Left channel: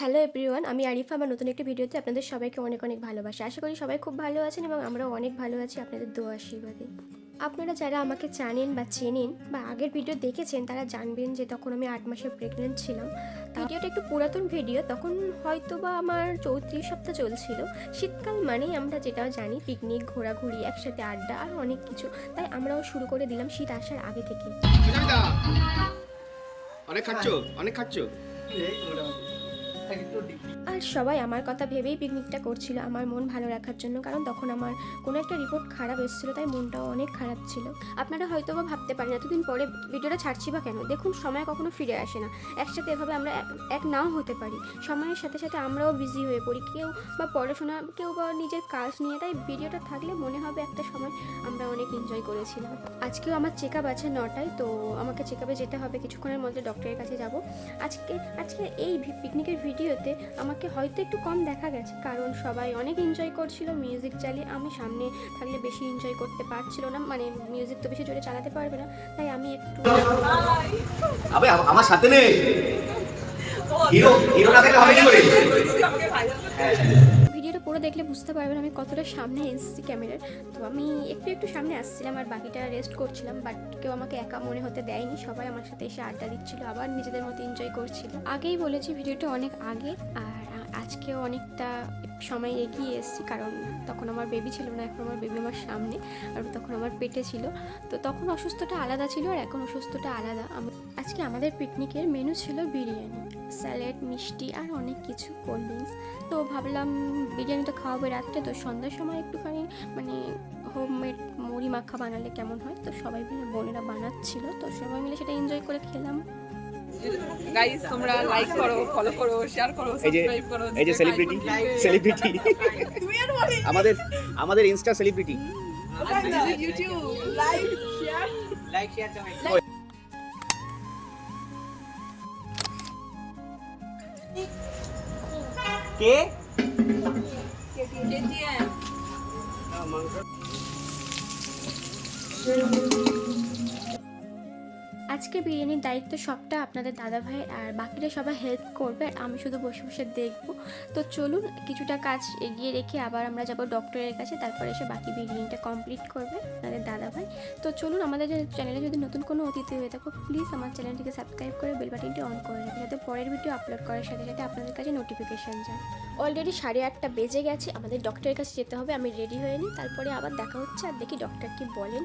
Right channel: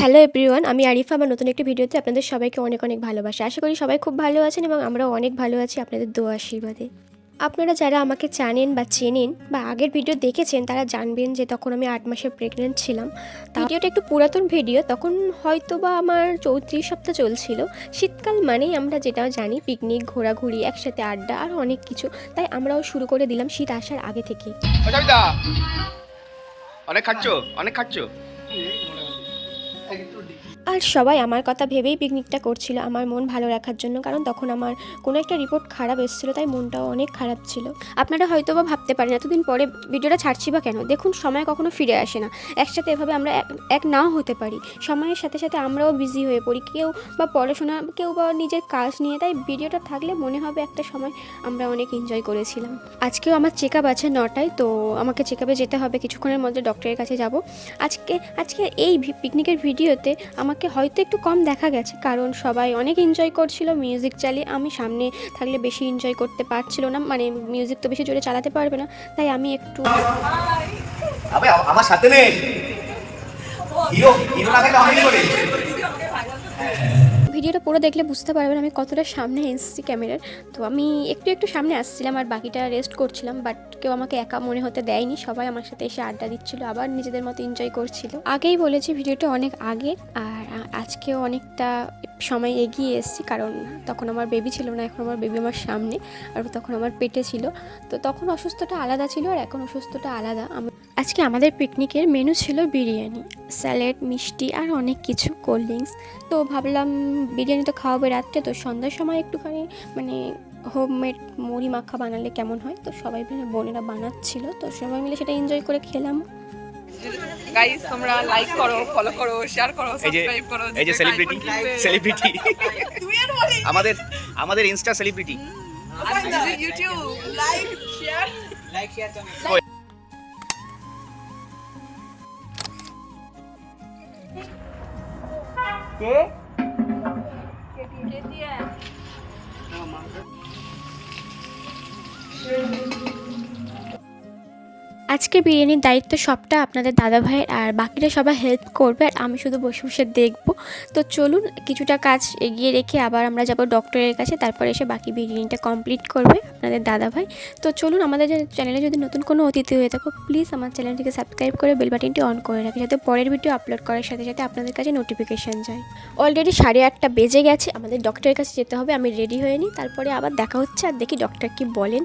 Hello everyone, আমি আরিফা। আমার নতুন একটি ভিডিওতে আপনাদের সবাইকে অনেক অনেক ভালোবাসা। আশা করি সবাই খুব ভালো আছেন এবং আমরাও অনেক ভালো আছি আপনাদের দোয়া আশীর্বাদে। আপনারা যারা আমাকে জানেন বা চেনেন বা আগের ভিডিও দেখেছেন তারা জানবেন যে তখন আমি 8 মাসের প্রেগনেন্ট ছিলাম। ভিডিওটা একটু পুরাতন ভিডিও, তখন হয়তো বা আমার 34 সপ্তাহ চলছিল। শীতকাল মানেই আমরা যেটা জানি পিকনিক, ঘোরাঘুরি, একসাথে আড্ডা আর অনেক কিছু। তাই আমরাও শুরু করে দিলাম শীত আসার আগে থেকে। অনেক খাচ্ছ অনেক খাচ্ছ আর সবাই আমার কথা ভেবেই পিকনিকটা করছিল আমার মন ভালো রাখার জন্য, কারণ তখন আমার কোনো একটা রিপোর্ট খারাপ এসেছিলো, তাই মনটাও অনেক খারাপ ছিল। আপনারা হয়তো বা ভাবতে পারেন এতদিন পরে ভিডিওটা ছাড়ছি বা কেন। দেখুন, সময় কখনো ফিরে আসে না। একসাথে এভাবে আমরা এক নাও হতে পারি। সময়ের সাথে সাথে আমরাও বিজি হয়ে পড়ি, কেউ বা পড়াশোনা, কেউ বা নিজের কাজ নিয়ে। তাই ভিডিওটা থাকলে মনে হবে একটা সময় আমরা অনেক এনজয় করেছিলাম। আজকেও আমার চেক আপ আছে 9টায়, তো আমাকে চেক আপে যেতে হবে। কিছুক্ষণের মধ্যে ডক্টরের কাছে যাব। আজকে এই পিকনিকের ভিডিওতে আমাকে হয়তো একটু কম দেখা গেছে, কারণ সবাই অনেক এনজয় করছিল মিউজিক চালিয়ে। আমি সামনে থাকলে বেশি এনজয় করতে পারছিল না, মানে মিউজিক তো বেশি জোরে চালাতে পারবে না, তাই আমি একটু আবে আমার সাথে নেই হিরো হিরো না থাকলে হবে কি করে। ভিডিওটা পুরো দেখলে বুঝতে পারবেন আমি কতটা সামনে এসেছি ক্যামেরার। তো আমি একটু একটু সামনে আসছিলাম আর বাকিটা রেস্ট করছিলাম, বাট কেউ আমাকে একা মনে হতে দেয়নি। সবাই আমার সাথে এসে আড্ডা দিচ্ছিল, আবার নিজেদের মতো এনজয় করছিল। আগেই বলেছি ভিডিওটা অনেক আগে, আর আজকেও অনেকটা সময় এগিয়ে এসেছি, কারণ তখন আমার বেবি ছিল না, এখন আমার বেবি আমার সামনে, আর তখন আমার পেটে ছিল। তো তখন অসুস্থতা আলাদা ছিল আর এখন অসুস্থতা আলাদা। আজকে আমাদের পিকনিকের মেনু ছিল বিরিয়ানি, স্যালাড, মিষ্টি আর অনেক কিছু, কোল্ড ড্রিঙ্কস। তো ভাবলাম বিরিয়ানি তো খাওয়াবে রাত্রে, তো সন্ধ্যার সময় একটুখানি মানে হোমমেড মুড়ি মাখা বানালে কেমন হয়। তো সবাই মিলে বোনেরা বানাচ্ছিল, তো সবাই মিলে সেটা এনজয় করে খেলাম। গাইস, তোমরা লাইক করো, ফলো করো, শেয়ার করো, সাবস্ক্রাইব করো। এই যে সেলিব্রিটি আমাদের আমাদের insta celebrity YouTube like share কে আজকে বিরিয়ানির দায়িত্ব সবটা আপনাদের দাদা ভাইয়ের, আর বাকিরা সবাই হেল্প করবে আর আমি শুধু বসে বসে দেখবো। তো চলুন কিছুটা কাজ এগিয়ে রেখে আবার আমরা যাব ডক্টরের কাছে, তারপর এসে বাকি বিরিয়ানিটা কমপ্লিট করবে আপনাদের দাদা ভাই। তো চলুন, আমাদের চ্যানেলে যদি নতুন কোনো অতিথি হয়ে থাকো প্লিজ আমার চ্যানেলটিকে সাবস্ক্রাইব করে বেল বাটনটি অন করে রাখে, যাতে পরের ভিডিও আপলোড করার সাথে সাথে আপনাদের কাছে নোটিফিকেশান যায়। অলরেডি 8:30 বেজে গেছে, আমাদের ডক্টরের কাছে যেতে হবে। আমি রেডি হয়ে নিই, তারপরে আবার দেখা হচ্ছে আর দেখি ডক্টর কি বলেন।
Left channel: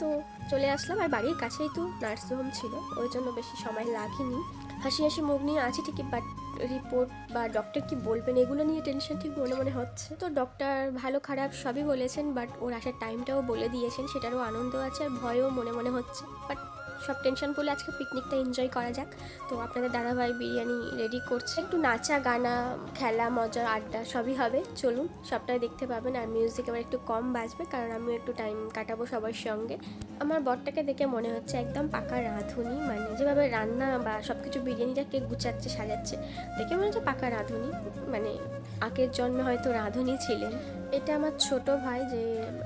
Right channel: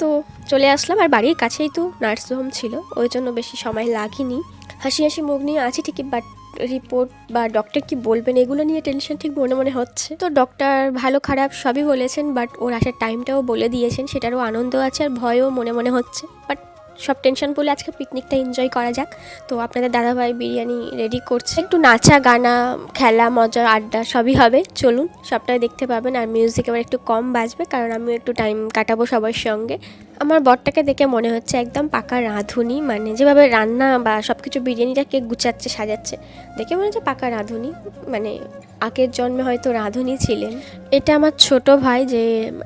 তো চলে আসলাম, আর বাড়ির কাছেই তো নার্সিংহোম ছিল, ওই জন্য বেশি সময় লাগেনি। হাসি হাসি মুখ নিয়ে আছি ঠিকই, বাট রিপোর্ট বা ডক্টর কি বলবেন এগুলো নিয়ে টেনশন ঠিক মনে মনে হচ্ছে। তো ডক্টর ভালো খারাপ সবই বলেছেন, বাট ওর আসার টাইমটাও বলে দিয়েছেন, সেটারও আনন্দ আছে আর ভয়ও মনে মনে হচ্ছে। বাট সব টেনশন বলে আজকে পিকনিকটা এনজয় করা যাক। তো আপনাদের দাদাভাই বিরিয়ানি রেডি করছে, একটু নাচা গানা, খেলা, মজা, আড্ডা সবই হবে। চলুন, সবটাই দেখতে পাবেন। আর মিউজিক এবার একটু কম বাজবে, কারণ আমিও একটু টাইম কাটাবো সবার সঙ্গে। আমার বরটাকে দেখে মনে হচ্ছে একদম পাকা রাঁধুনি, মানে যেভাবে রান্না বা সব কিছু বিরিয়ানিটাকে গুছাচ্ছে সাজাচ্ছে, দেখে মনে হচ্ছে পাকা রাঁধুনি, মানে আগের জন্মে হয়তো রাঁধুনি ছিলেন। এটা আমার ছোট ভাই, যে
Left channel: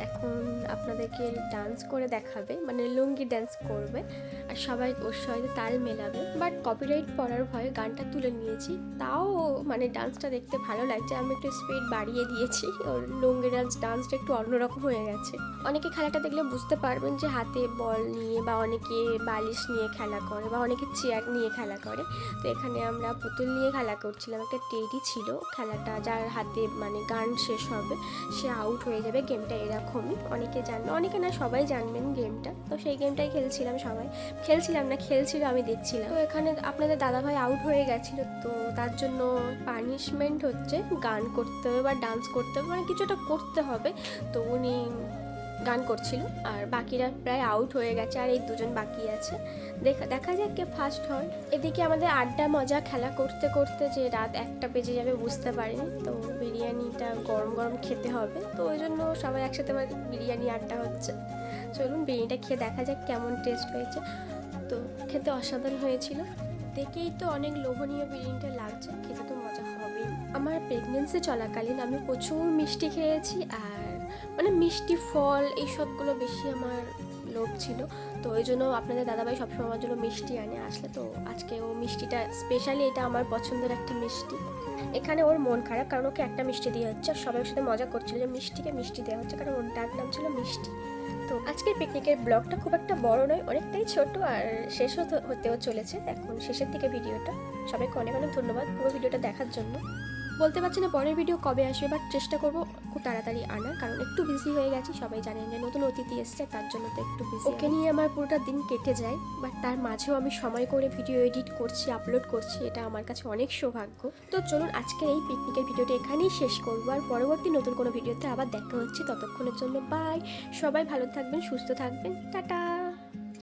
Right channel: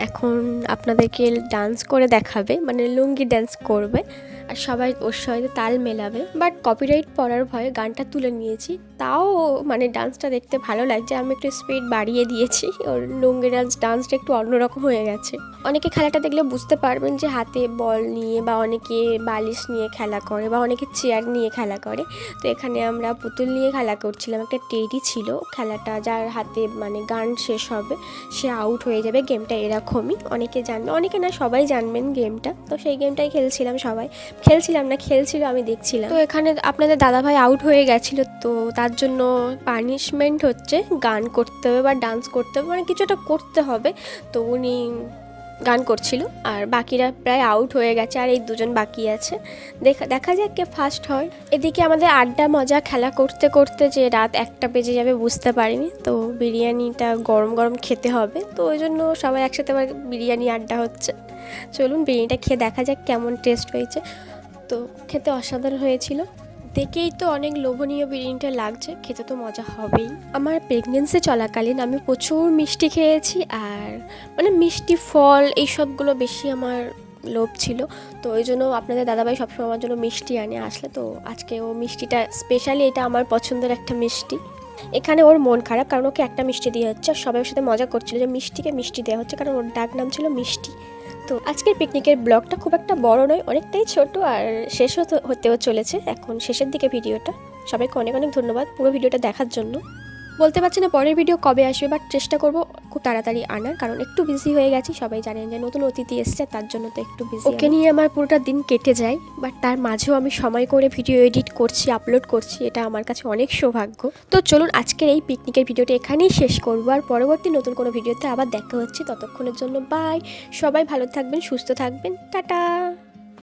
এখন আপনাদেরকে ডান্স করে দেখাবে, মানে লুঙ্গি ডান্স করবে আর সবাই ওর সঙ্গে তাল মেলাবে। বাট কপিরাইট পড়ার ভয়ে গানটা তুলে নিয়েছি, তাও মানে ডান্সটা দেখতে ভালো লাগছে। আমি একটু স্পিড বাড়িয়ে দিয়েছি, ওর লুঙ্গি ডান্সটা একটু অন্যরকম হয়ে গেছে। অনেকে খেলাটা দেখলে বুঝতে পারবেন যে হাতে বল নিয়ে, বা অনেকে বালিশ নিয়ে খেলা করে, বা অনেকে চেয়ার নিয়ে খেলা করে। তো এখানে আমরা পুতুল নিয়ে খেলা করছিলাম। একটা টেডি ছিল, খেলাটা যার হাতে মানে গান শেষ হবে সে আউট হয়ে যাবে। গেমটা এরকমই, অনেকে জানবে অনেকে না, সবাই জানবেন গেমটা। তো সেই গেমটাই খেলছিলাম, সবাই খেলছিলাম না, খেলছিল, আমি দেখছিলাম। তো এখানে আপনাদের দাদাভাই আউট হয়ে গেছিলো, তো তার জন্য পানিশমেন্ট হচ্ছে গান করতে হবে বা ডান্স করতে হবে, মানে কিছু একটা করতে হবে। তো উনি গান করছিল আর বাকিরা প্রায় আউট হয়ে গেছে, আর এই দুজন বাকি আছে। দেখা যাক কে ফার্স্ট হয়। এদিকে আমাদের আড্ডা মজা খেলা করতে করতে যে রাত 1টা বেজে যাবে বুঝতে পারিনি। তো বিরিয়ানিটা গরম গরম খেতে হবে, তো ওই জন্য সবাই একসাথে আবার বিরিয়ানি আড্ডা হচ্ছে। চলুন বিরিয়ানিটা খেয়ে দেখা যাক কেমন টেস্ট হয়েছে। তো খেতে অসাধারণ হয়েছিল, দেখেই তো অনেক লোভনীয় বিরিয়ানিটা লাগছে, খেতে তো মজা হবেই। আমার প্রেগনেন্সি চলাকালীন আমি প্রচুর মিষ্টি খেয়েছি, আর মানে মিষ্টি ফল এইসবগুলো বেশি আমার লোভ ছিল, তো ওই জন্য আপনাদের দাদাভাই সবসময় আমার জন্য মিষ্টি আনে আসলে। তো আজকে ও মিষ্টিটা স্পেশালি, এটা আমার পছন্দের একটা মিষ্টি। এখানে ওর মন খারাপ কারণ ওকে একটা মিষ্টি দিয়ে হচ্ছে, আর সবাই ওর সাথে মজা করছিল যে মিষ্টিকে মিষ্টি দেওয়া হচ্ছে, কারণ ওর ডাক নাম ছিল মিষ্টি। তো আজকের পিকনিকের ব্লগটা খুব একটা বড় নয়, অনেকটাই ছোট, আর শেষ হতেও চলেছে এখন শেষের দিকে ভিডিওটা। সবাইকে অনেক অনেক ধন্যবাদ পুরো ভিডিওটা দেখার জন্য। বলতে পারছি না পরের ভিডিও কবে আসবে, বাট চেষ্টা করব খুব তাড়াতাড়ি আনার, কারণ একটু বিজি হয়ে গেছি। সবাই জানেন যে নতুন অতিথি এসছে, তার জন্য তো একটু বিজি। ওকে নিয়ে আমার পুরোটা দিন কেটে যায়, বাট তার মাঝেও আমি সময় করে ভিডিও এডিট করছি, আপলোড করছি, এটা আমার কাছে অনেক সৌভাগ্য। তো চলুন আজকের এই পিকনিকের ভিডিওটা এখানেই শেষ করবো, আর পরবর্তী নতুন কোনো ভিডিওতে আবার দেখা হচ্ছে। ততক্ষণের জন্য বাই, সবাই ভালো থাকবেন, সুস্থ থাকবেন, টাটা।